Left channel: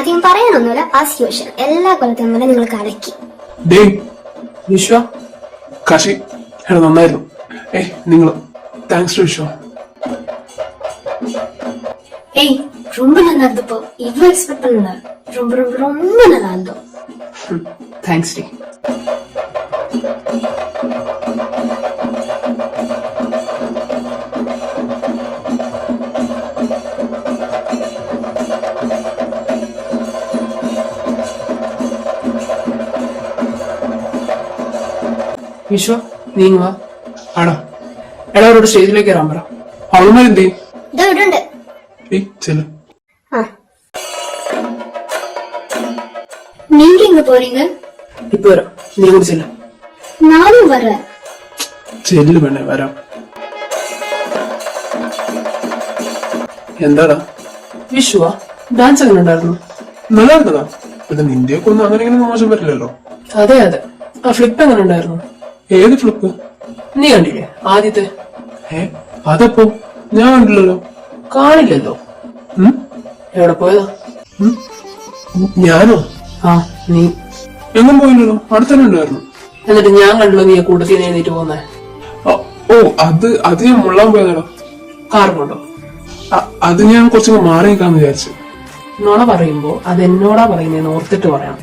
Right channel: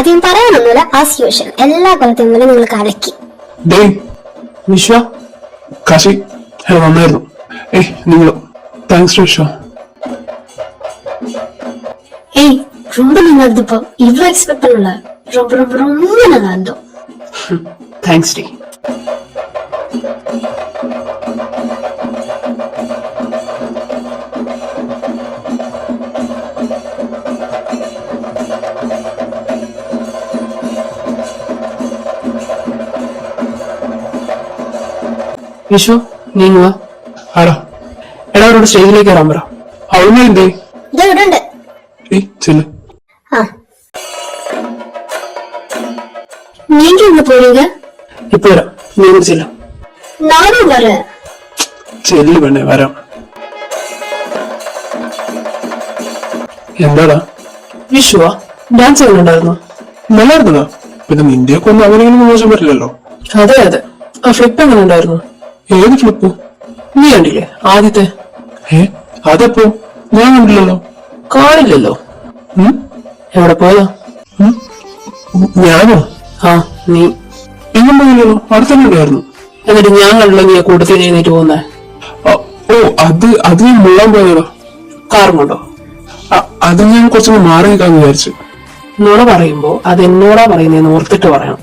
അധികം പറയാനൊന്നുമില്ല. As usual എല്ലാ കൊല്ലത്തെയും പോലെ നിങ്ങൾ കലക്കി. വിശ്വ കാശി നന്നായിരുന്നു. നിങ്ങൾ താങ്ക്സ് ടു വിശ്വ. ஏய் ரொம்ப நல்லா இருந்துப்பா. இவ்வளவு எக்ஸ்பெக்ட் பண்ணல. ரொம்ப ரொம்ப ரொம்ப நல்லா இருந்தோம். Thanks D. വിശ്വ നീങ്ങുക. ആടാ എടാ അവരോട് സ്റ്റേജിലേക്ക് കയറാൻ പറ. അവളുമേ എന്തേ இதோ விடுണ്ട്. ചെല്ലു. நீங்க எங்க போறீங்க? ഇപ്പൊ വരാം. നീ കുറിച്ചില്ല. நானும் வரேன். ചെല്ലു വേണേ വരാം. എന്താടാ വിശ്വ ഡാൻസ് എങ്ങനെ ഉണ്ടായിരുന്നു? നല്ലായിരുന്നടാ. പിന്നെ നിന്റെയൊക്കെ ഒന്നും അങ്ങനെയൊന്നും മോശം പറ്റില്ലല്ലോ. അതെ അതെ. ആ ഫ്ലിപ്പ് എങ്ങനെ ഉണ്ടായിരുന്നു? ഏത് ഫ്ലിപ്പ്? നീ കണ്ടില്ലേ ആദ്യത്തെ? അതപ്പോ ഞാൻ കണ്ടില്ലല്ലോ. കാണില്ലല്ലോ. എവിടെ പോയതാ? ഞാനോ? ആ നീ. എങ്ങനെ പോയാലോ? അടുത്തന്നെ ഉണ്ടായിരുന്നു. എന്നിട്ട് ഞാൻ കണ്ടല്ലോ നീ കൂട്ടത്തിൽ എഴുന്നേറ്റ് പോകുന്നേ. ഓ അത് ഞാൻ മുള്ളാൻ പോയതോ. കാറും കൊണ്ടോ? അത് ഞാൻ കുറച്ചൊന്ന് മാറി നിൽക്കാന്ന് വിചാരിച്ചു. നുണ പറയുമ്പോ അത് എന്നോടാ പറയുന്നേന്ന് ഓർത്തിട്ട് പറയണം.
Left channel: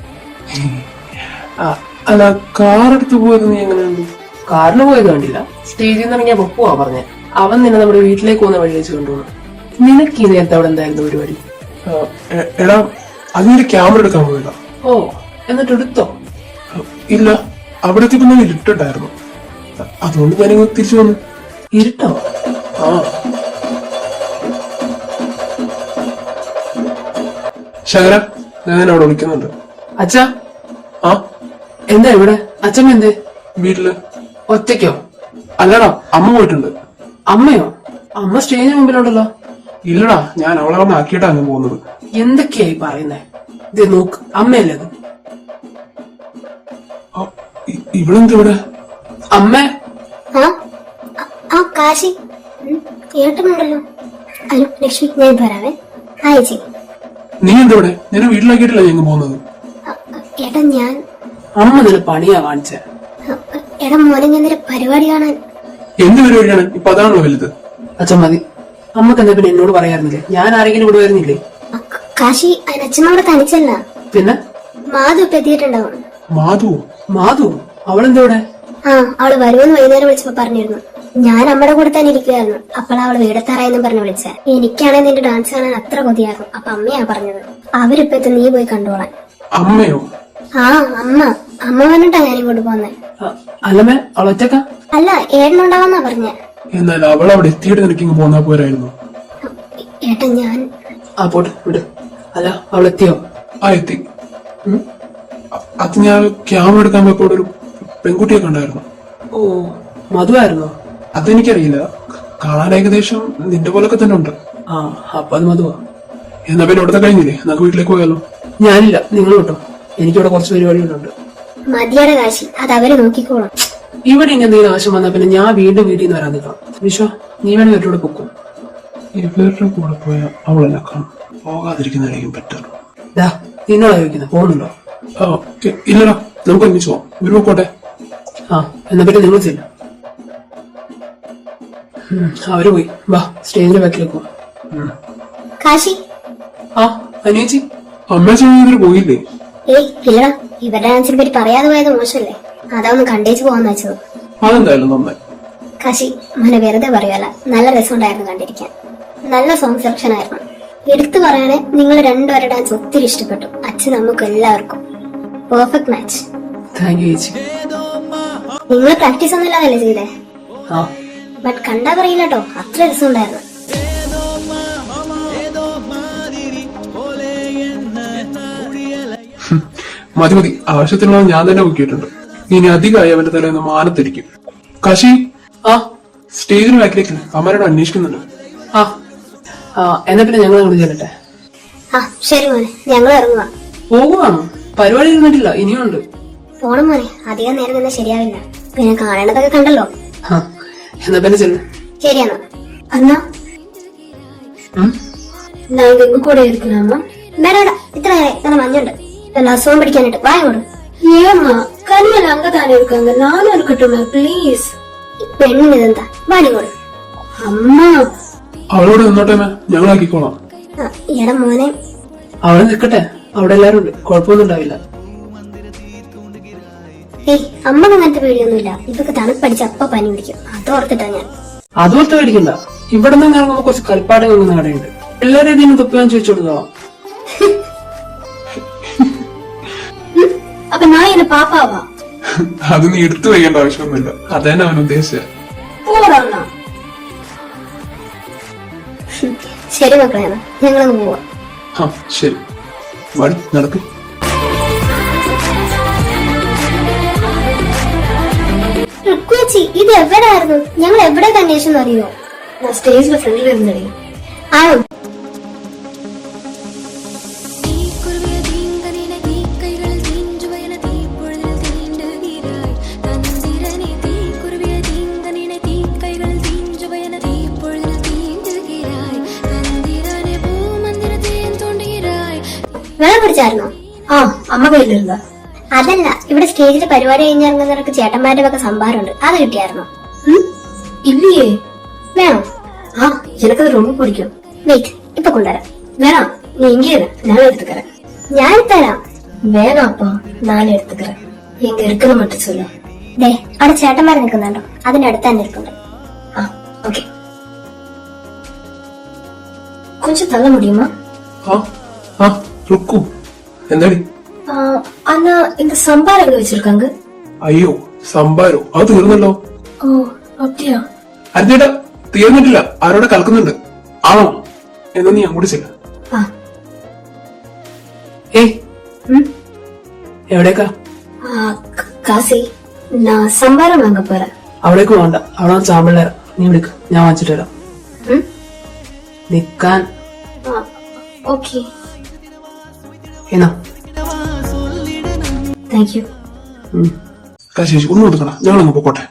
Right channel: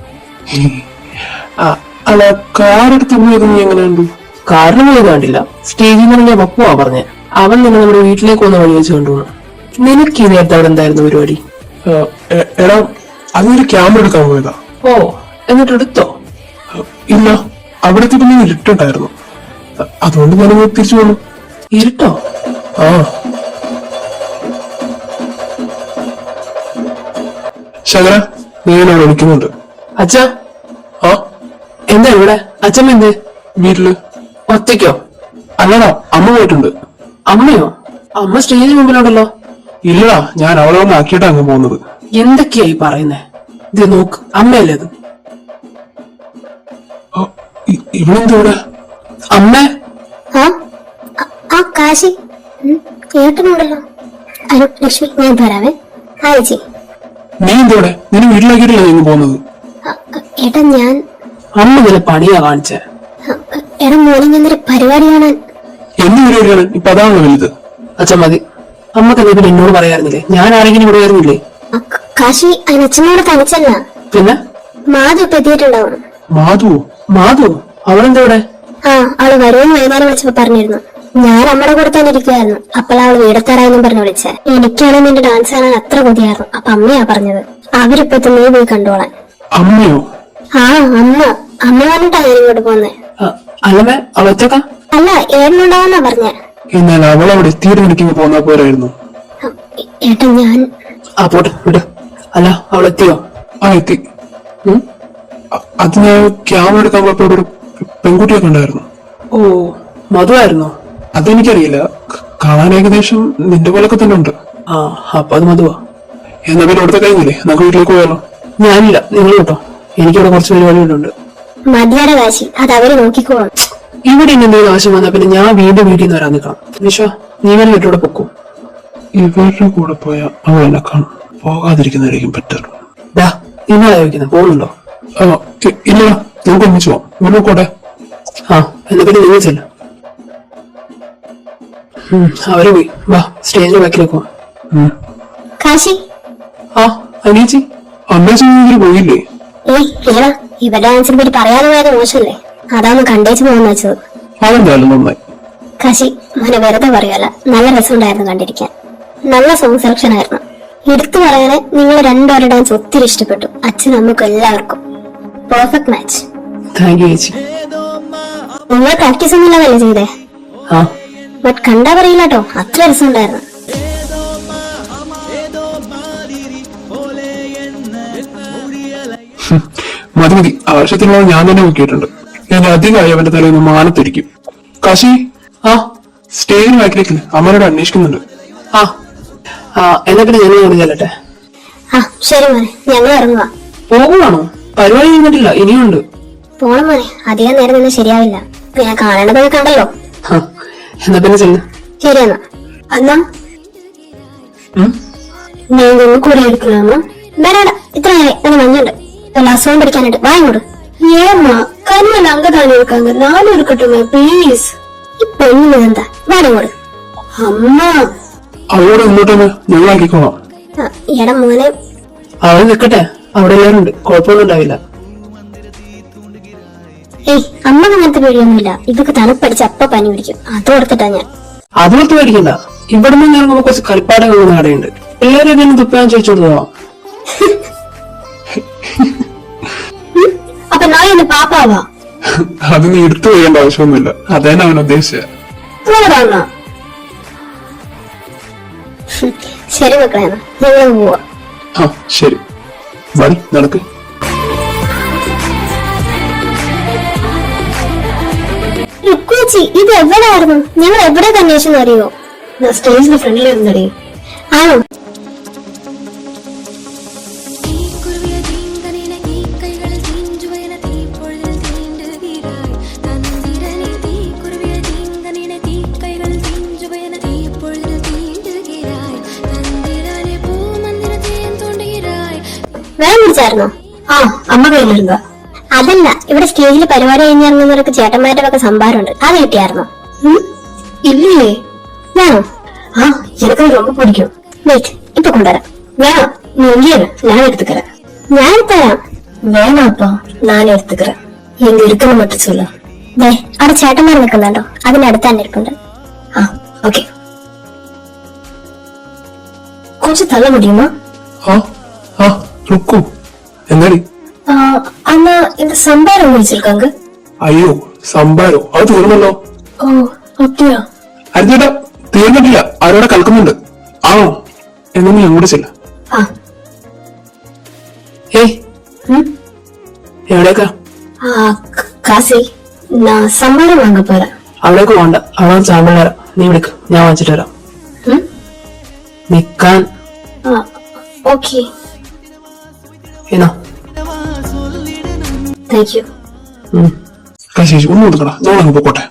അല്ല കാർ എടുത്ത് പോയത് നീ എങ്ങനെ കണ്ടു? കാറിന് പോയത് കണ്ടില്ല. സ്റ്റേജിൽ നിന്ന് ഞാൻ പപ്പുവാ പറഞ്ഞേ. അവൻ നിന്നെ നമ്മുടെ വീട്ടിലേക്ക് വന്ന വഴി വെച്ച് കൊണ്ടുപോകണം. നിനക്ക് ഈ നേരത്തെ അവിടെ എന്തായിരുന്നു പരിപാടി? എടാ അതിന്റെ ക്യാമറ എടുക്കാൻ പോയതാ. ഓ എന്നിട്ട് എടുത്തോ? ഇല്ല, അവിടത്തെ പിന്നെ ഇരുട്ടുണ്ടായിരുന്നു. അതുകൊണ്ട് ഞാനങ്ങ് തിരിച്ചു വന്നു. ഇരുട്ടോ? ആ ശകല ഞാൻ അവിടെ വിളിക്കുന്നുണ്ട്. അച്ഛാ ആ എന്താ ഇവിടെ? അച്ഛമ്മ എന്തേ? വീട്ടില്. ഒറ്റയ്ക്കോ? അല്ലടാ, അമ്മ പോയിട്ടുണ്ട്. അമ്മയോ? അമ്മ സ്റ്റേജിന് മുമ്പിലുണ്ടല്ലോ. ഇല്ലടാ, ഞാൻ അവളെ വന്ന് ആക്കിയിട്ടാ അങ്ങ് പോകുന്നത്. എന്തൊക്കെയായി പറയുന്നേ? ഇത് നോക്ക്, അമ്മയല്ലേ അത്? ഇവളെന്താ ഇവിടെ? അമ്മേ. കാശി കേട്ടുന്നുണ്ടല്ലോ. ലക്ഷ്മി ഞാൻ തരാവേ. ആയിച്ചി നീ എന്താ ഇവിടെ? നിന്നെ വീട്ടിലാക്കിയിട്ടില്ല ഞങ്ങൾ പോകുന്നത്. ഏട്ടാ ഞാൻ അമ്മ ഇതിന് പണിയാ കാണിച്ചേ. എടാ മോർണിംഗ് എന്തൊരു പരിപാടി കാണാൻ. എന്ത് പരിപാടിയാണ്? ഇപ്പൊ അതാണല്ലോ വലുത്. അച്ഛൻ മതി. അമ്മക്ക് എന്നാ പിന്നെ എന്നോട് പറയാറുന്നില്ലേ? ഞാൻ ആരെങ്കിലും ഇവിടെ വരുന്നില്ലേ? കാശി അതിന് അച്ഛനോട് തനിച്ചല്ല, പിന്നെ മാധു ഇപ്പൊ എത്തിയിട്ടുണ്ടാവണം. മാധു അവളെന്താ ഇവിടെ? അവള് വരുമെന്ന് വൈകുന്നേരം വിളിച്ചപ്പോ പറഞ്ഞിരുന്നു. ഞാൻ അമ്മയുടെ കൂടെ തന്നെ ഇരിക്കുവായിരുന്നു. അപ്പോൾ അവള് വീടത്താറായെന്നും പറഞ്ഞു വിളിച്ചേ. എനിക്കാണ് നിന്റെ ഡാൻസ് കാണാൻ അത്ര കൊതിയായിരുന്നു. അപ്പൊ അമ്മയാ പറഞ്ഞത് അവരിപ്പോ നീ പോയി കണ്ടോളാൻ. അമ്മയോ? അമ്മ വന്നിട്ടാ ഞാൻ ഇങ്ങോട്ട് പോന്നെ. അല്ലമ്മേ അവളൊറ്റക്ക? അല്ല, ഏഴുണ്ടാവുന്നാ പറഞ്ഞ. എന്നാൽ അവൾ അവിടെ എത്തിയിട്ട് എനിക്ക് പോന്നാ പോരായിരുന്നു. ഏട്ടാ ഞാൻ പോട്ടെ വിട്. അല്ല അവളെത്തിയോ? എത്തി. അത് ഞാൻ ക്യാമറ എടുക്കാൻ പോയപ്പോ ഒരു പെൺകുട്ടിയെ കണ്ടായിരുന്നു. ഓ മധുവായിരുന്നോ? അതെനിക്കറിയില്ല. കാണാൻ ഏകദേശം നിന്റെ പോലൊക്കെ തന്നെ ഉണ്ട്. അപ്പൊ അത് മധുവാ. എന്നാ പിന്നെ ഇവിടുത്തെ കഴിഞ്ഞില്ലേ, നമുക്ക് വീട്ടിലേക്ക് പോയാലോ? ഞാനില്ല, നിങ്ങൾ കേട്ടോ. എനിക്കിവിടെ കുറച്ച് പരിപാടികളുണ്ട്. മതിയുടെ കാശി, അത് അവര് നോക്കിക്കോളും. ഇവിടെ ഇനി എന്തെങ്കിലും ആവശ്യം വന്നാ പിന്നെ ഞാൻ വീണ്ടും വീട്ടിൽ നിന്ന് വരാൻ നിൽക്കണം. വിശ്വ നീ വേണം വീട്ടിലൂടെ പൊക്കും. ഇവരുടെ കൂടെ പോയാ അവൾ എന്നെ കാണും. പോകാതിരിക്കുന്നതായിരിക്കും ബെറ്റർ. നിങ്ങളെ ചോദിക്കുന്നത് പോകുന്നുണ്ടോ? ഇല്ലല്ലോ, നമുക്ക് ഒന്നിച്ചു പോവാം. ഇവിടെ പോട്ടെ. എന്നാ പിന്നെ നിങ്ങൾ ചെല്ലും. അവര് പോയി. വാ സ്റ്റേജിന്റെ ബാക്കിലേക്ക് പോവാം. കാശി അനിയച്ചി അമ്മ സഹോദരി പോയില്ലേ? ഇല്ല, ഇവരുടെ ഡാൻസിനെ പറ്റി പറയാതെ പോയത് മോശമല്ലേ. അതൊന്ന് കണ്ടേച്ച് പോകാന്ന് വെച്ചത്. അതെന്തായാലും നന്നായി. കാശി മോനെ വെറുതെ പറയല്ല, നല്ല രസമുണ്ടായിരുന്നു കണ്ടിരിക്കാൻ. നല്ല സോങ് സെലക്ഷൻ ആയിരുന്നു. എടുത്തു പറയാനെ നിങ്ങൾ രണ്ടുപേരുടെ ഡാൻസ് ഒത്തിരി ഇഷ്ടപ്പെട്ടു. അച്ഛൻ നമുക്ക് എല്ലാവർക്കും പെർഫെക്റ്റ് മാച്ച്. താങ്ക് യു ചേച്ചി. നിങ്ങൾ പ്രാക്ടീസ് ഒന്നും ഇല്ലാതല്ലേ ചെയ്തേ? ബട്ട് കണ്ടാ പറയില്ല കേട്ടോ, അത്ര രസമുണ്ടായിരുന്നു. മതി ആവശ്യത്തിനുള്ള ഞാൻ തന്നെ നോക്കിയിട്ടുണ്ട്. ഇനി അധികമായി അവന്റെ തലയൊന്ന് മാനത്തിരിക്കും. കാശി സ്റ്റേജിന് ബാക്കിലേക്ക് അമ്മനോട് അന്വേഷിക്കുന്നുണ്ട്. എന്നാ പിന്നെ ഞങ്ങൾ ചെല്ലട്ടെ. ശരി മോനെ, ഞങ്ങൾ ഇറങ്ങുക. പോകുവാണോ? പരിപാടി കഴിഞ്ഞിട്ടില്ല, ഇനിയുണ്ട്. പോണം മോനെ, അധികം നേരം തന്നെ ശരിയാവില്ല. പിന്നെ കാണേണ്ടതൊക്കെ കണ്ടല്ലോ. എന്നാ പിന്നെ ചെല്ല്. ശരിയെന്നാ. അന്നാ ഞാൻ കൂടെ എടുക്കലാമോ? വേണ്ട, ഇത്രയായി. അത് മഞ്ഞുണ്ട്. അസുഖം പഠിക്കാനായിട്ട് വാങ്ങോട്. ഏമാ കരുമല്ല അങ്കതാനെ എടുക്കാങ്ക നാനും എടുക്കട്ടുമേ പ്ലീസ്. ഈ പെണ്ണിന് എന്താ വേണങ്ങോട്. അമ്മ അവളോട് ഇങ്ങോട്ട് ഞങ്ങളാക്കിക്കോളാം. എടാ മോനെ, അവളെ നിൽക്കട്ടെ, അവിടെ എല്ലാരും ഉണ്ട്, കുഴപ്പമൊന്നും ഉണ്ടാവില്ല. ഏയ് അമ്മക്ക് അങ്ങനത്തെ പേടിയൊന്നുമില്ല. ഇതൊക്കെ തണുപ്പടിച്ച് അപ്പ പനി പിടിക്കും. അത് കൊടുത്തിട്ടാ ഞാൻ. അതുപോലത്തെ മേടിക്കണ്ട. ഇവിടെ നിന്ന് ഇറങ്ങുമ്പോ കുറച്ച് കളിപ്പാടങ്ങൾ കടയുണ്ട്, എല്ലാരും ഇതിന് തുപ്പാൻ ചോദിച്ചു കൊടുത്തോ. അപ്പൊ ഞാൻ എന്നെ പാപ്പാവാ. അത് നീ എടുത്തു വയ്ക്കേണ്ട ആവശ്യമൊന്നുമില്ല. അതന്നെ അവൻ ഉദ്ദേശിച്ചത്. ശരി മക്കളാണ്, ഞങ്ങൾ പോവാ. ആ ശരി, മതി നടക്ക്. രുക്കുച്ചി, ഇത് എവിടെയായിരുന്നു? ഞങ്ങൾ എവിടെ അന്വേഷിച്ചെന്ന് അറിയോ? സ്റ്റേജിന്റെ ഫ്രണ്ടിലിരുന്നടി. ആണോ? വേറെ പിടിച്ചായിരുന്നോ? ആ, അമ്മ കയ്യിലിരുന്ന. അതല്ല, ഇവിടെ സ്റ്റേജിൽ പരിപാടി കഴിഞ്ഞിറങ്ങുന്നവർക്ക് ചേട്ടന്മാരുടെ ഒക്കെ സംഭാരമുണ്ട്. അത് കിട്ടിയായിരുന്നോ? ഇല്ലേ? വേണോ? ആ, എനിക്കത് ரொம்ப പിടിക്കും. വെയിറ്റ്, ഇപ്പൊ കൊണ്ടുവരാം. വേണോ? നീ എങ്കിയാണ് ഞാൻ എടുത്തുക്കറ. ഞാൻ എടുത്തുതരാം. വേണോ? അപ്പൊ ഞാൻ എടുത്തുക്കറ. എങ്ക ഇരിക്കുന്ന മട്ടിച്ചില്ല. അവിടെ ചേട്ടന്മാർ നിൽക്കുന്നുണ്ടോ? അതിനടുത്ത് തന്നെ ഇരിപ്പുണ്ട്. ആ, ഓക്കെ. കുറച്ച് തള്ള മുടിയുമോ? എന്താടി? അമ്മ ഇത് സംഭാരം കഴിച്ചിരിക്കാങ്ക. അയ്യോ, സംഭാരോ? അത് തീർന്നല്ലോ. ഓ, ഒക്കെയാ. അറിഞ്ഞേട്ടാ, തീർന്നിട്ടില്ല. ആരോടെ കളിക്കുന്നുണ്ട്. ആണോ? എന്നാ നീ അങ്ങോട്ട് ചെല്ല. ഏയ് എവിടേക്കാ? കാസി, സംഭാരം വാങ്ങ പോരാ. അവിടേക്ക് വേണ്ട, അവിടെ ചാമ്പല. നീ വിളിക്ക്, ഞാൻ വാങ്ങിച്ചിട്ട് വരാം. നിക്കാൻ. ഓക്കെ, എന്നാ താങ്ക് യു. കാശേഷി ഒന്ന് കൊടുക്കടാ, ഞാനങ്ങ് പോട്ടെ.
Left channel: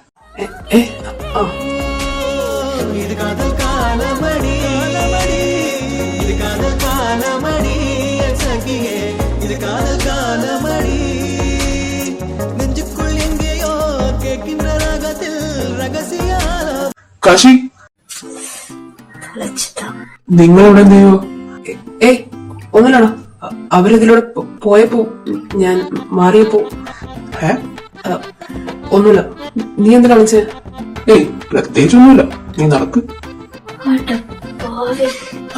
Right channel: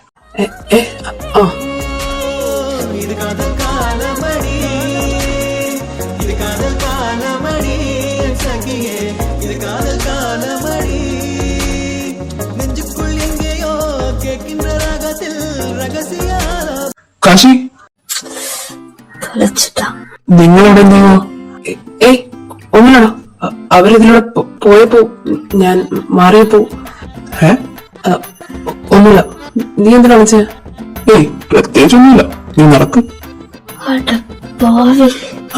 കാശി, നിങ്ങളവിടെ എന്തെയ്യോ? ഏയ് ഒന്നുമില്ലടാ, അവരിതിലൂടെ പോയപ്പോ ഞാൻ മാറിയപ്പോ. ഒന്നുമില്ല. നീ എന്തിനാ വിളിച്ചേ? ഏയ് പ്രത്യേകിച്ചൊന്നുമില്ല, നീ നടക്കും.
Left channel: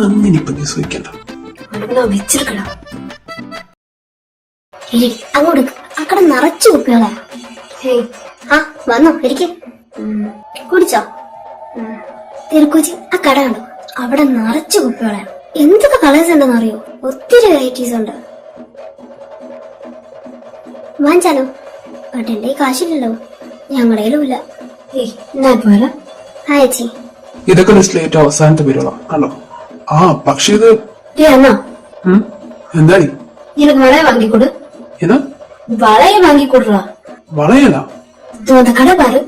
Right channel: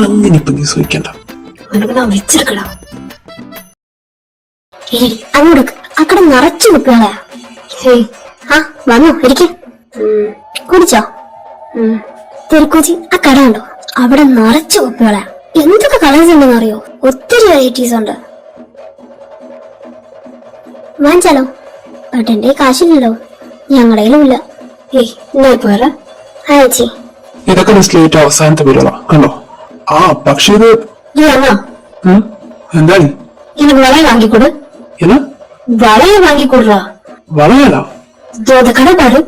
അങ്ങനെ ഇപ്പൊ നീ സൂഹിക്കണ്ട. വെച്ചിരിക്കടാ. അങ്ങോട്ട് അക്കടെ നിറച്ചു നിൽക്കണേ. ആ വന്നോ, ഇരിക്ക. കുടിച്ചോ? തെരുക്കോച്ചി, ആ കട ഉണ്ടോ? അവിടെ നിറച്ചു കുപ്പികളെ. എന്തൊക്കെ കളേഴ്സ് ഉണ്ടെന്ന് അറിയോ? ഒത്തിരി വെറൈറ്റീസ് ഉണ്ട്. വാങ്ങിച്ചാലോ? ബട്ട് എന്റെ കാശില്ലല്ലോ. ഞങ്ങളുടെ ഇല്ല. ഏയ് എന്നാ പോരാ. അയച്ചി, ഇതൊക്കെ ലിസ്റ്റിലേറ്റ് അവസാനത്തെ പേരുകളാ, കണ്ടോ? ആ പക്ഷേ ഇത് എന്താണ്? ഇത് വളയെ വാങ്ങിക്കൊടു. വളയെ വാങ്ങിക്കൊടുറാ. വളയല്ല, കട പാടും.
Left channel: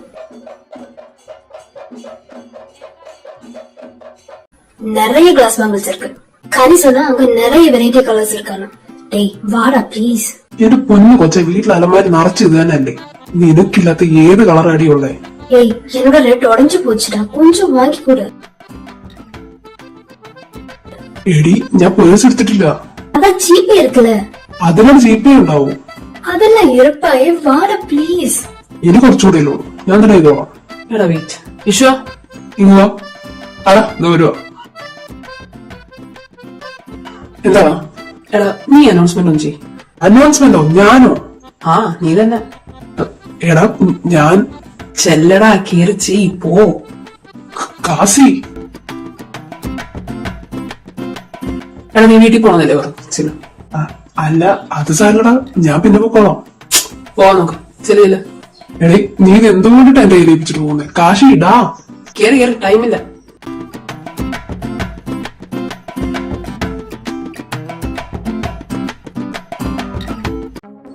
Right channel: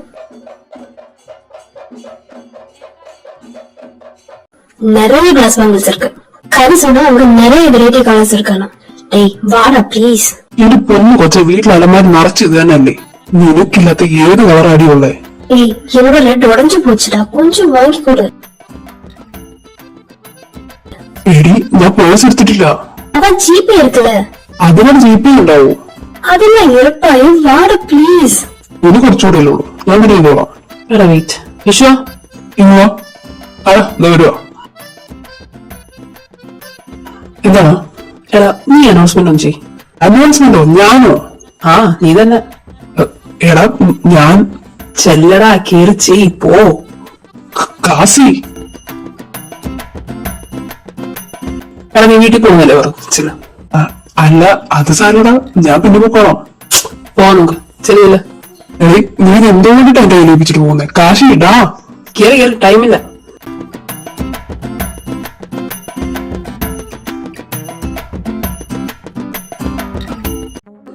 நிறைய கிளாஸ் வாங்கல்ஸ் இருக்கு. கதை சொன்னா அவங்க நிறைய வெரைட்டி கலர்ஸ் இருக்கானா. டேய் வாடா ப்ளீஸ். എന്റെ പൊന്നു കൊച്ചെ, വീട്ടിൽ അലമാരി നിറച്ച് ഇത് തന്നെയല്ലേ? നിനക്കില്ലാത്ത ഏത് കളർ അടിയുള്ളേ? ஏய் என்னோட ரெட் உடைஞ்சு போச்சுடா, கொஞ்சம் வாங்கி கொடு. എടി, ഞാൻ പേഴ്സ് എടുത്തിട്ടില്ല. அதான் ஜிபே இருக்குல்ல. അതിനാണ് ജീപ്പേ ഉണ്ടാവൂ. அதெல்லாம் இருப்பாயே, வாடா ப்ளീസ്. ഇനി കുറച്ചുകൂടെ ഉള്ളൂ, ഞാൻ തന്നെ ചെയ്തോളാം. എടാ വെയിറ്റ്, വിശ്വ ഇങ്ങോ. ആ വരുവാ. എന്താണ്? എടാ നീ അനൗൺസ്മെന്റ് ഒന്നും ചെയ്. അനൗൺസ്മെന്റോ? ഞാനോ? ആ നീ തന്നെ. എടാ ഞാൻ ചെല്ലടാ, കേറി ചെയ് പോ. കാസി, എടാ നീ വീട്ടിൽ പോകുന്നല്ലേ പറഞ്ഞു? അല്ല അത് സാധനടാ, ഞാൻ പിന്നെ പോക്കോളാം. പോവാ നോക്ക്, ചെല്ലില്ല. എടീ, നീ എന്തുകൊണ്ടിട്ട് എന്നെ ഏൽപ്പിച്ചിട്ട് പോകുന്നേ? കാശി ഇടാ. കേറി കേറി, ടൈമില്ല.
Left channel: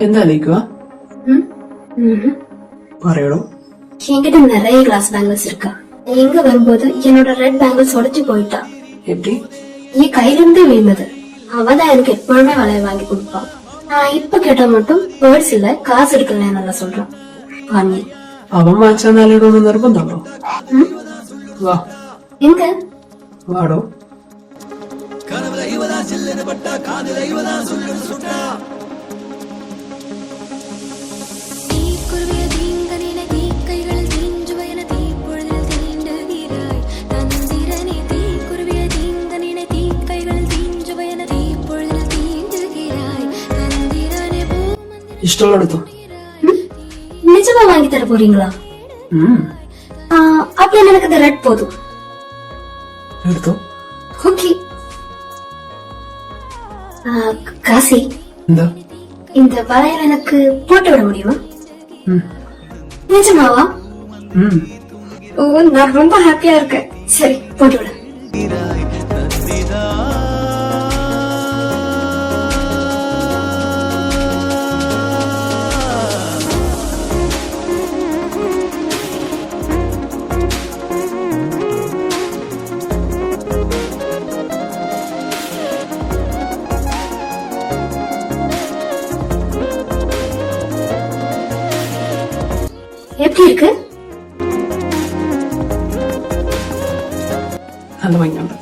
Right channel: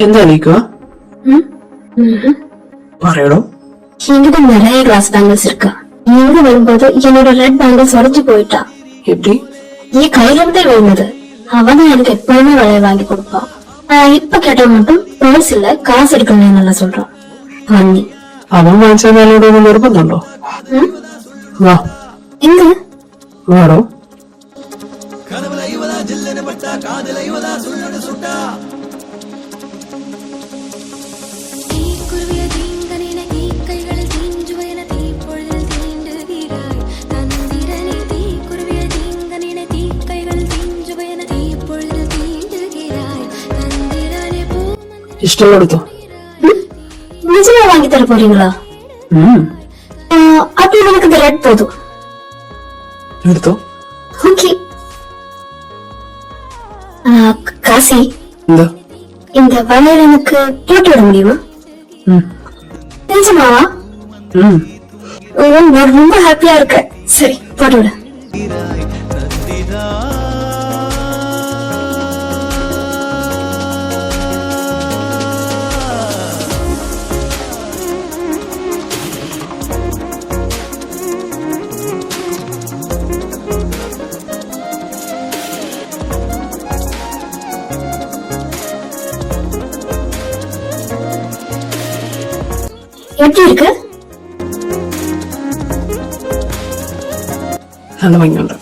എന്താ നീക്കുക? പറയണോ? என்கிட்ட நிறைய கிளாஸ் பேங்கிள்ஸ் இருக்கா. எங்க வரும்போது என்னோட ரெட் பேங்கிள்ஸ் உடைஞ்சு போயிட்டா. எப்படி? என் கையில இருந்தே விழுந்தது. அவதான் எனக்கு எப்பவுமே விலையை வாங்கி கொடுப்பான். இப்ப கேட்ட மட்டும் பேர்ஸ் இல்ல காசு எடுக்கணும் நல்லா சொல்றான். வாங்கி അവൻ വാങ്ങിച്ചാൽ ഇവിടെ ഒന്നും നിർബന്ധമുണ്ടോ? വാ எங்க വാടോ. ഇഷ്ടമെടുത്തോ? நிஜமா வாங்கி தர போறீங்களா? அப்ப எனக்கு இந்த ரெட் போதும். എടുത്തോ. ஓகே. காசி, എന്താ? இந்த வளையல் எனக்கு போட்டு விட முடியுமா? நிஜமாவா? நான் ரொம்ப ஹாப்பியா இருக்கேன். சரி போட்டு விட. எப்படி இருக்கு? നല്ല ഭംഗിയുണ്ട്.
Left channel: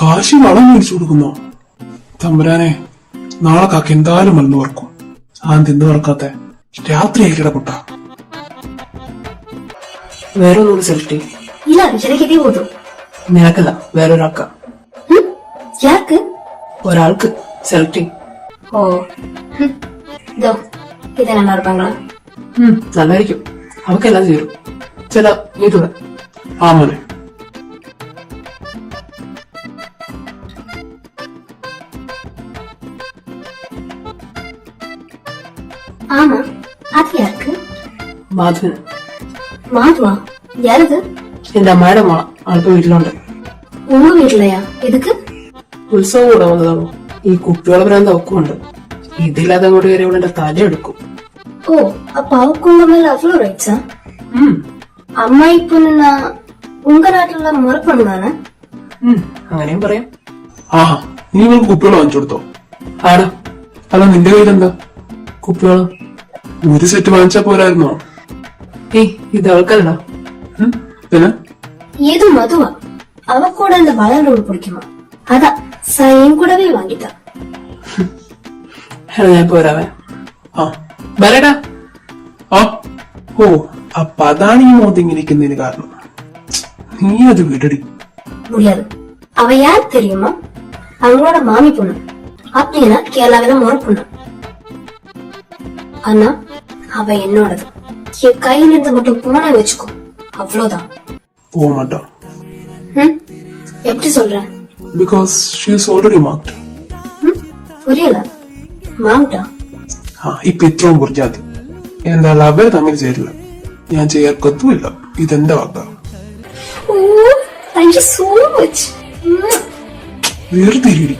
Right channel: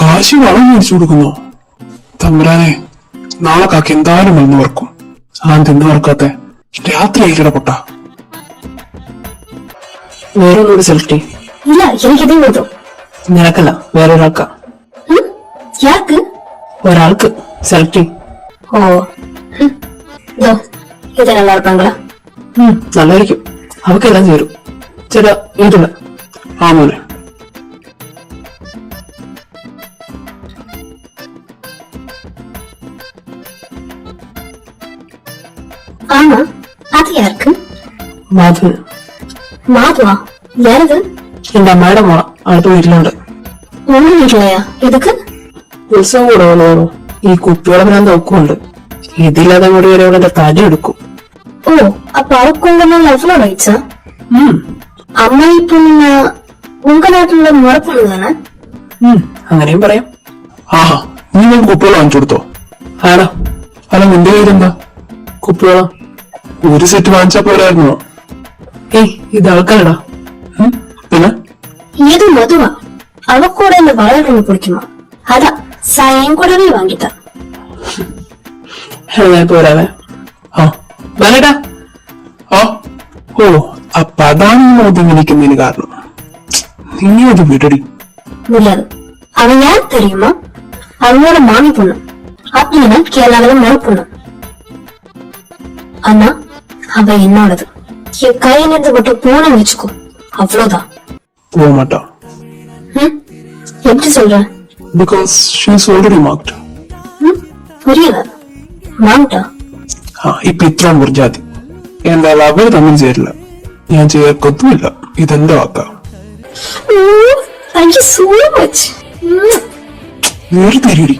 കാശി വളം മേടിച്ചു കൊടുക്കുന്നോ? തമ്പുരാനെ, നാളെ കാക്ക എന്തായാലും വന്ന് വറക്കും. തിന്നു വറക്കാത്തെ രാത്രി ആയിട്ടിട പൊട്ട. വേറെ ഒന്നുകൂടി സെലക്ട് ചെയ്യും. இல்ல எனக்கு இதே போதும். നിനക്കല്ല, വേറെ ഒരാൾക്കാ. யாருக்கு? ഒരാൾക്ക് സെലക്ട് ചെയ്യും. ஓ, ഇത് நல்லா இருப்பாங்களா? നല്ലതായിരിക്കും. അവക്കെല്ലാം ചേരും. ചേട്ടാ ഏതുള്ള? ആ മോനെ. ஆமா, அது யாருக்கு? മാധവന്. மாதுவா? யாருது? എന്റെ അമ്മയുടെ മോള അടുത്ത വീട്ടിലുണ്ട്. உங்க வீட்டுலயா? எதுக்கு? ഉത്സവം കൂടെ വന്നതാണോ? ഈ കുപ്പിയോടെ ഭ്രാന്ത് ഒക്കുണ്ട്. ഇതില്ലാതെ കൂടി വരെ ഇവിടെ എന്റെ തടി എടുക്കും. ஓ, அப்ப அவக்கு உங்க மேல அவ்வளவு ரைட்ஸா? அம்மா இப்ப நீங்க உங்க நாட்டுல முறை பண்ணுதானே? അങ്ങനെയും പറയാം. ആഹാ, നീ നമുക്ക് കുപ്പികൾ വാങ്ങിച്ചു കൊടുത്തോ? ആടാ. അല്ല, നിന്റെ കാര്യമെന്താ? കുപ്പിയോളോ? ഒരു സെറ്റ് വാങ്ങിച്ചാ പോരായിരുന്നോ? ഏയ്, ഇത് ആൾക്കാരടാ. പിന്നെ ஏது மதுவா? அவ கூட இந்த வளையல் ரொம்ப பிடிக்குமா? அதான் என் கூடவே வாங்கிட்டா. ഞാൻ പോരാവേ. ആ വരടാ. ആ ഓ, അപ്പൊ അതാണ് ഈ മോദി വിളിക്കുന്നതിന് കാരണം. നീ അത് വിടടി. முடியாது. அவ யார் தெரியுமா? அவங்களோட மாமி பொண்ணு. அப்படின்னா கேரளாவில மாமி பொண்ணு. ஆனா அவ என்னோடது. என் கையிலிருந்து மட்டும் போன வச்சுக்கோ, அவ்வளவுதான். പോക മാട്ടാ. எப்படி சொல்ற? Because she's already marked. புரியல. മാമിട്ടാ? ആ, ഇപ്പൊ ഇത്ര മുറിജാതി. എന്തായാലും അവര് തമ്മിൽ ചേരില്ല. ഞാൻ ചേർക്കൊത്തുമില്ല. ഇതെന്റെ വാക്കാ. Thank you so much. വെറുതെ ഇരിടി.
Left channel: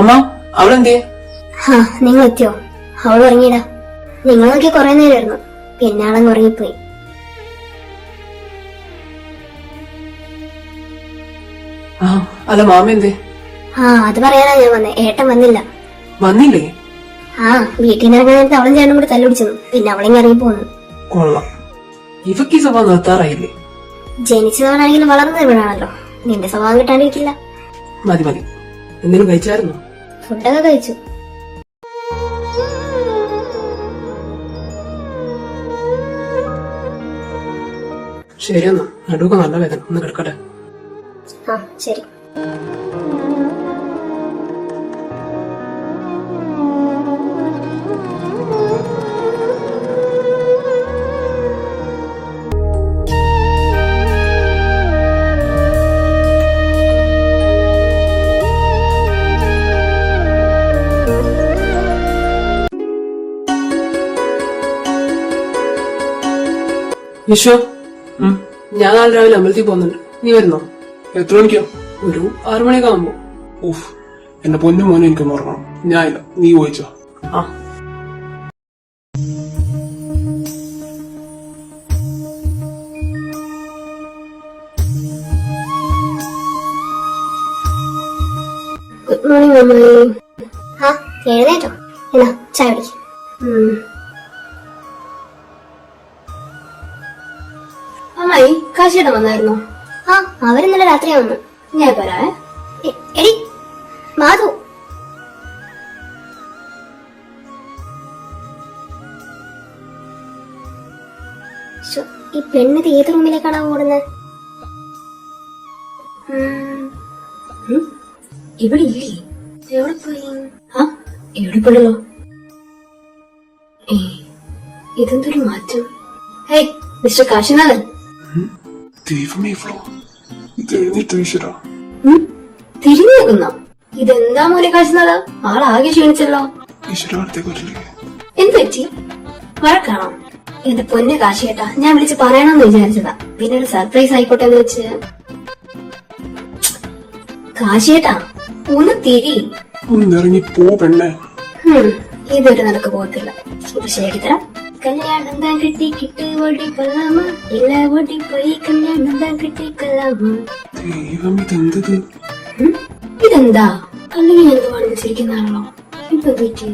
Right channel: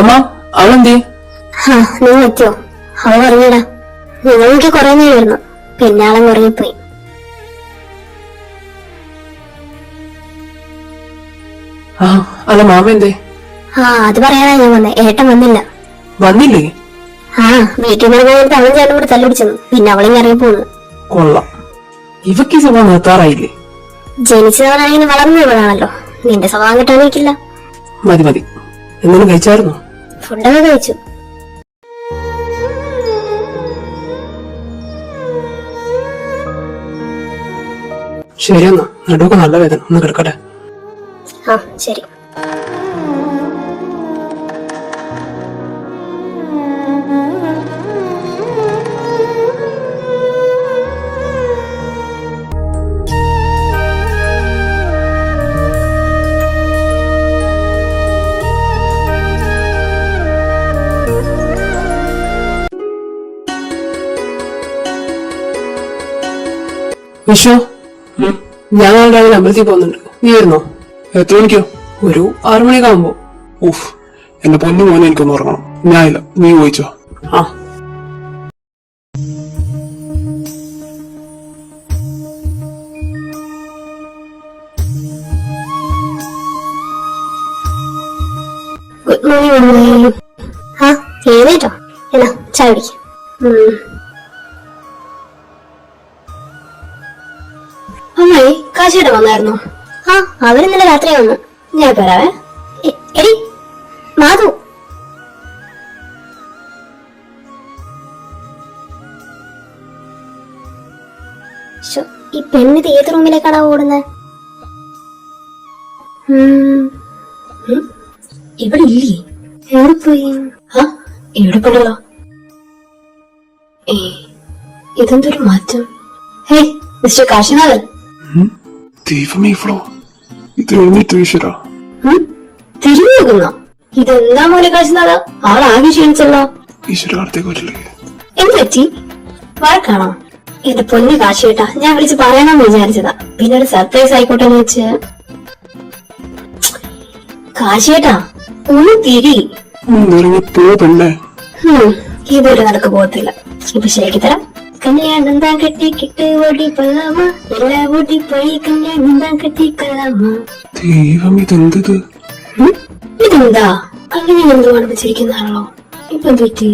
അമ്മ, അവളെന്തേ? നിങ്ങൾ എത്തിയോ? അവൾ ഉറങ്ങിയില്ല. നിങ്ങൾക്ക് കുറെ നേരമായിരുന്നു. പിന്നെ ആളങ്ങ് ഉറങ്ങിപ്പോയി. ആ, അല്ല മാമ എന്തേ? അത് പറയാനാ ഞാൻ വന്നേ. ഏട്ടൻ വന്നില്ല. വന്നില്ലേ? വീട്ടിൽ നിന്ന് ഇറങ്ങാൻ നേരത്തെ അവൻ ചേട്ടൻ കൂടെ തല്ലുപിടിച്ചെന്നു. പിന്നെ അവളെങ്കിൽ ഇറങ്ങി പോന്നു. കൊള്ളാം. ഇവക്ക് ഈ സ്വഭാവം നിർത്താറായില്ലേ? ജനിച്ചവനാണെങ്കിൽ വളർന്നു വീഴാണല്ലോ. നിന്റെ സ്വഭാവം കിട്ടാനിരിക്കില്ല. മതി മതി. എന്തെങ്കിലും കഴിച്ചായിരുന്നോ? ഫുഡൊക്കെ കഴിച്ചു. ശരിയെന്നാ, നടുവൊക്കെ നല്ല വേദന. ഒന്ന് കിടക്കട്ടെ. ശരി. വിശ്വ, ഞാൻ നാളെ രാവിലെ അമ്പലത്തിൽ പോകുന്നുണ്ട്. നീ വരുന്നോ? എത്ര മണിക്കോ? ഒരു 6 മണിയൊക്കെ ആകുമ്പോ. ഉഫ്, എന്റെ പൊന്നു മോനെ എനിക്കൊന്ന് ഉറങ്ങണം. ഞാനില്ല, നീ ചോദിച്ചോ. ആ ഗുഡ് മോർണിംഗ് അമ്മായി. ആ എഴുന്നേറ്റോ? എന്നാ ചായ കുടിക്കാം. അമ്മായി കാശിയുടെ വന്നായിരുന്നോ? ആ അവരിന്നലെ രാത്രി വന്നു. ഞാൻ വരാവേ. എടി മാധു, ഈ പെണ്ണിത് ഏത് റൂമിലേക്കാണോ ഓടുന്നത്? ഇവിടെ ഇല്ലേ? എവിടെ പോയി? ആ ഇവിടെ പോണല്ലോ. ഇതെന്തൊരു മാറ്റം? Hey mister Kashinathan. ദൈവമേ ഫ്ലോ, ഇത് എഴുന്നേറ്റ് ഈശ്വരാ. തിരിഞ്ഞു നോക്കുന്നോ? ഇതെന്താ മോനെ കാശിനാഥ, ആളാകെ ക്ഷീണിച്ചല്ലോ. ഈശ്വരാർത്ഥേ കൊല്ലേ. എന്ത് പറ്റി? വഴക്കാണോ? എന്റെ പൊന്നു കാശിയേട്ടാ, ഞാൻ വിളിച്ച് പറയാനെന്ന് വിചാരിച്ചതാ. പിന്നെ ഒരു സർപ്രൈസ് ആയിക്കോട്ടെ എന്ന് വെച്ച്. കാശിയേട്ടാ ഒന്ന് തിരി. ഇറങ്ങി പോ പെണ്ണേ. ഇതൊരു നടക്ക് പോകത്തില്ല. ഇപ്പൊ ശരിയാക്കി തരാം. കല്യാണം താൻ കെട്ടിക്കിട്ട് ഓടി കൊള്ളാമ, എല്ലാ ഓടി പോയി കല്യാണം താൻ കെട്ടിക്കൊള്ളാമ. ദൈവം ഇതെന്തത്? ഇതെന്താ അങ്ങനെ എന്തോ അനുഭവിച്ചിരിക്കുന്നതാണല്ലോ. ഇപ്പൊ പറ്റി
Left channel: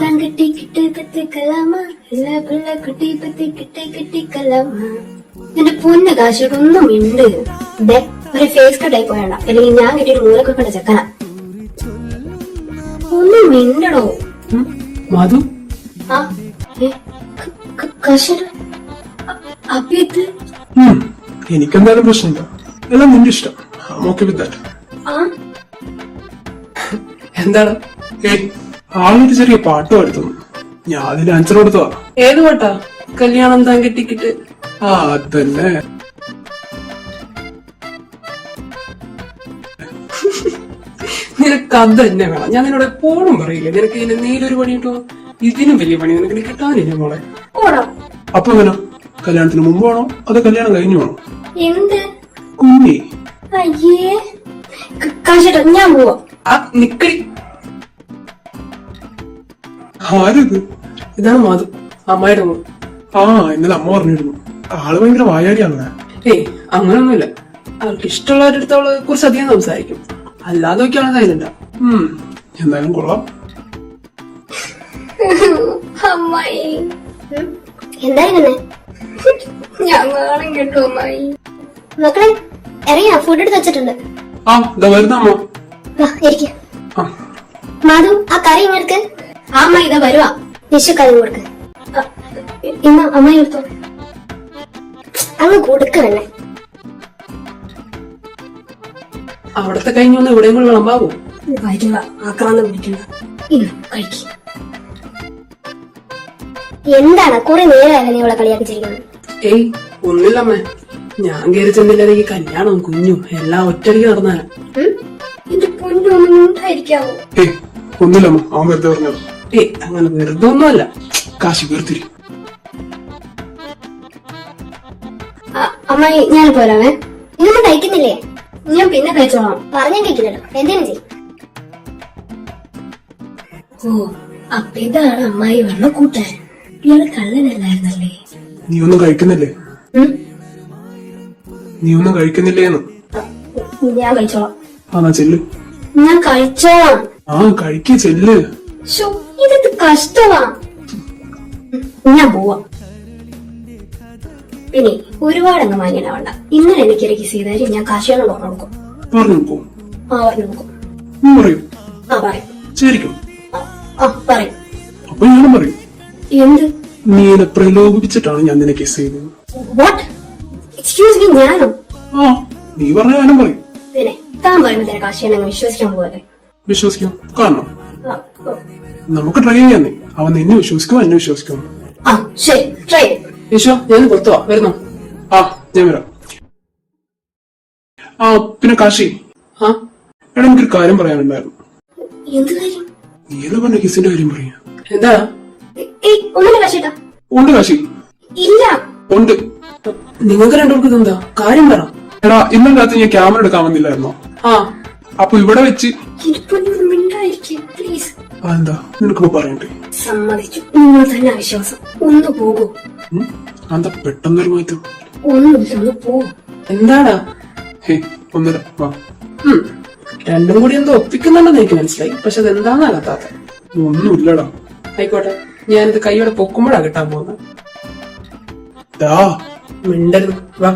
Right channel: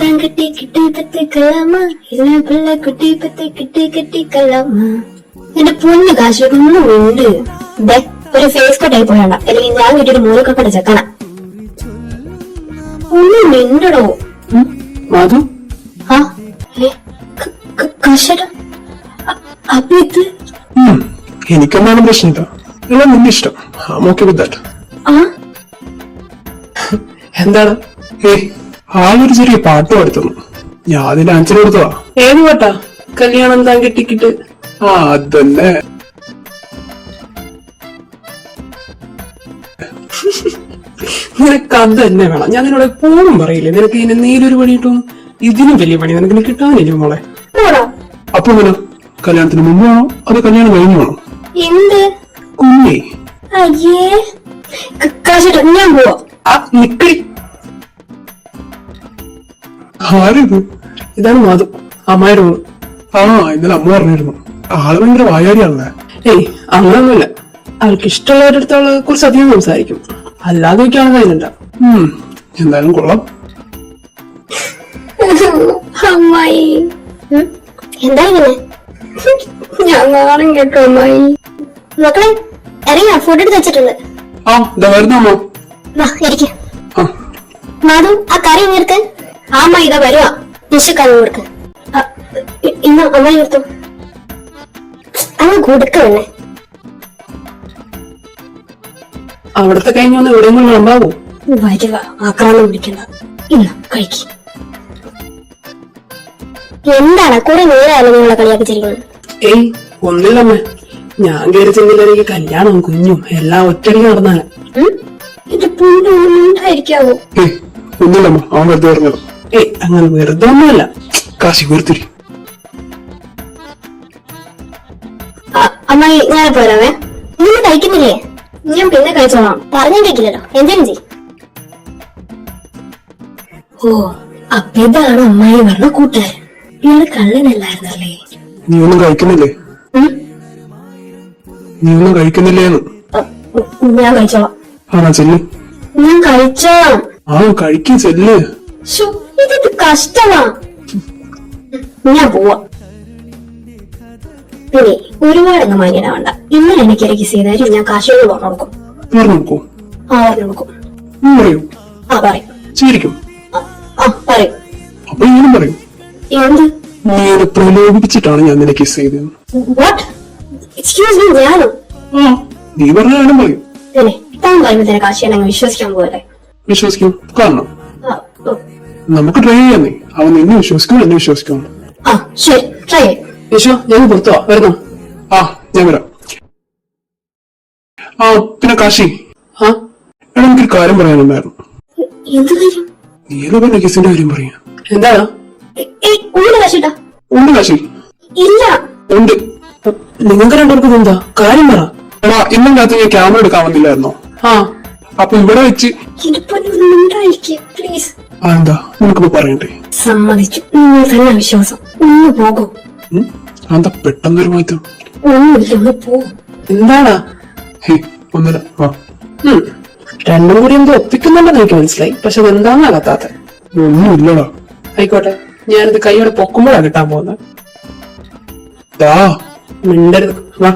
താൻ കെട്ടിക്കിട്ട് പത്തിക്കൊള്ളാമ, എല്ലാ പിള്ള കുട്ടി പത്തിക്കിട്ട് കെട്ടിക്കൊള്ളാമ. എന്റെ പൊന്ന് കാശിയൊക്കെ ഒന്നും ഉണ്ട്. ഒരു ഫേസ് കട്ടായി പോയണ്ട, അല്ലെങ്കിൽ ഞാൻ കിട്ടിയൊരു മൂലൊക്കെ ചെക്കണ. ഒന്നും മിണ്ടടോ. മാധു, ആ കാശേട്ടാ, അപ്പൊ ഇത് എനിക്കെന്താണ് പ്രശ്നമില്ല. എല്ലാം നിന്റെ ഇഷ്ടം. Okay with that. ആ എന്താണ്? ഏയ്, ആളൊരു ചെറിയ പാട്ട് പാടുത്തുന്നു. ഞാൻ അതിന്റെ ആൻസർ കൊടുത്തതാ. ഏത് പാട്ടാ? കല്യാണം താൻ കെട്ടിക്കിട്ട്. ആ അതന്നെ. നിനക്ക് അത് തന്നെ വേണം. ഞാൻ നിന്നോട് എപ്പോഴും പറയില്ലേ, നിനക്ക് ഇതിന് നീലൊരു പണി കിട്ടും. ഇതിനും വലിയ പണി നിനക്ക് കിട്ടാനില്ല മോളെ. അപ്പൊ വേണം കല്യാണത്തിന് മുമ്പ് വേണോ അത് കല്യാണം കഴിഞ്ഞു വേണോ? എന്ത് കുഞ്ഞേ, അയ്യേ കാശേട്ടാ, ഞാൻ പോവാ. നിക്കടി. ആരത്? ഇതാണ് മാധു, അമ്മായിയുടെ മോള്. ആ ഇന്നലെ അമ്മ പറഞ്ഞിരുന്നു. ആള് ഭയങ്കര വായാടിയാണ്. ഏയ് അങ്ങനൊന്നുമില്ല. അവൾക്ക് ഇഷ്ടമുള്ളവരുടെ അടുത്ത് അവള് കുറച്ച് അധികം സംസാരിക്കും. അല്ലാതെ നോക്കിയാണ് കഴിയുന്നില്ല. എന്തായാലും കൊള്ളാം. അമ്മായി എന്താ ഇങ്ങനെ? ഞാൻ നാളെ കേട്ടോ അമ്മായി. മക്കളെ ഇറങ്ങിയാ? ഫുഡ് എടുത്ത് വെച്ചിട്ടുണ്ട്. ആ ഇതാ വരുന്നമ്മോ. വാ ഇരിക്ക. ആ മാധു ആ കറി കൊടുക്ക്. ആ അമ്മായി ഇതാ വരുവാ. ഡിഷ് കറി കൊടുക്ക്. ഇന്ന് അമ്മായി കൊടുത്തു. അങ്ങ് കൊടുക്ക വേണേ. അവിടത്തെ കഴിഞ്ഞൊന്ന് ഇവിടെ വിളമ്പാവോ? വരിക, ആക്രാന്തം പിടിക്കണ്ട. ഇന്ന് കഴിക്ക. എന്താണ് കുറെ നേരമായാലും നിങ്ങളെ കളിയാക്കിച്ചിരിക്കുന്നത്? ഏയ് ഒന്നില്ലമ്മ, ഞാൻ കയറി ചെന്നില്ലെങ്കിൽ കല്യാണം കുഞ്ഞും എല്ലാം ഒറ്റയ്ക്ക് നടന്നാണ്. എന്റെ പൊന്നൊന്നും ഉണ്ടായിരിക്കാവോ? ഏയ് ഒന്നുമില്ലമ്മ, അവൻ വെറുതെ പറഞ്ഞത്. ഏയ് അങ്ങനെ വെറുതെ ഒന്നുമല്ല. കാശി വെറുത്തിരി. അമ്മായി ഞാൻ പോരാവേ. ഇതൊന്നും കഴിക്കുന്നില്ലേ? ഞാൻ പിന്നെ കഴിച്ചോളാം. പറഞ്ഞും കേൾക്കില്ലല്ലോ. എന്തേലും ചെയ്യും. ഓ അപ്പൊ ഇതാണ് അമ്മായി പറഞ്ഞ കൂട്ടുകാരൻ. ഇയാള് കള്ളനല്ലായിരുന്നല്ലേ? നീ ഒന്നും കഴിക്കുന്നില്ലേ? നീ ഒന്നും കഴിക്കുന്നില്ലേന്ന്? ഞാൻ കഴിച്ചോളാം. ആ ചെല്ല്. ഞാൻ കഴിച്ചോളാം. ആ കഴിക്കും, ചെല്ല്. ഇതൊരു കഷ്ടമാ. ഞാൻ പോവാ. പിന്നെ ഒരുപാടങ്ങ് മാന്യനാവണ്ട. ഇന്നലെ എനിക്ക് ഇറക്കി ചെയ്താലും ഞാൻ കാശോട് പറഞ്ഞു കൊടുക്കും. പറഞ്ഞു നോക്കോ? ആ പറഞ്ഞു കൊടുക്കും. നീ പറയൂ. ആ പറയും. ശരിക്കും? ആ പറയും. അപ്പൊ ഞാനും പറയും. എന്ത്? നീ എന്നെ പ്രലോഭിപ്പിച്ചിട്ടാണ് ഞാൻ നിന്നെ കിസ് ചെയ്തത്. വാട്ട്? എക്സ്ക്യൂസ് മീ, ഞാനോ? ആ നീ പറഞ്ഞ ഞാനും പറയും. അല്ലേ താൻ പറയുമ്പോ കാശിയാണെങ്കിൽ വിശ്വസിക്കാൻ പോലെ. വിശ്വസിക്കും. കാരണം നമുക്ക് ട്രൈ ചെയ്യാന്നേ. അവൻ നിന്നെ വിശ്വസിക്കും, എന്നെ വിശ്വസിക്കും. ആ ശരി, ട്രൈ. യേശോ ഞാൻ പുറത്തുവാ, വരുന്നു. ആ ഞാൻ വരാം. ആ പിന്നെ കാശി, ആ എടാ എനിക്കൊരു കാര്യം പറയാനുണ്ടായിരുന്നു. എന്ത് കാര്യം? നീ എന്ന് പറഞ്ഞ കിസിന്റെ കാര്യം പറയാ. എന്താണ്? ഉണ്ട് കാശിട്ടാ. ഉണ്ട് കാശി. ഇല്ല. ഉണ്ട്. നിങ്ങൾക്ക് രണ്ടുപേർക്കും എന്താ കാര്യം പറ. എടാ ഇന്നും രാത്രി ഞാൻ ക്യാമറ എടുക്കാൻ വന്നില്ലായിരുന്നോ? ആ അപ്പൊ ഇവിടെ വെച്ച് പ്ലീസ്. എന്താ ഉനക്കിപ്പോ പറയണ്ടേ? സമ്മതിച്ചു. നിങ്ങൾ തന്നെ വിശ്വാസം. ഒന്ന് പോകൂ. എന്താ പെട്ടെന്നൊരു മാറ്റം? ഒന്നുമില്ല, ഒന്ന് പോ. എന്താണ്? ഹേ ഒന്നില്ല. ആ രണ്ടും കൂടി എന്തോ ഒപ്പിക്കുന്നുണ്ടെന്ന് എനിക്ക് മനസ്സിലായി. പക്ഷെ അതെന്താന്ന് അകത്താത്ത. ഒന്നുമില്ലടാ. ആയിക്കോട്ടെ, ഞാനിത് കൈയോടെ പൊക്കുമ്പോഴാ കിട്ടാൻ പോകുന്നത്. ദാ മിണ്ടരുത്. വാ.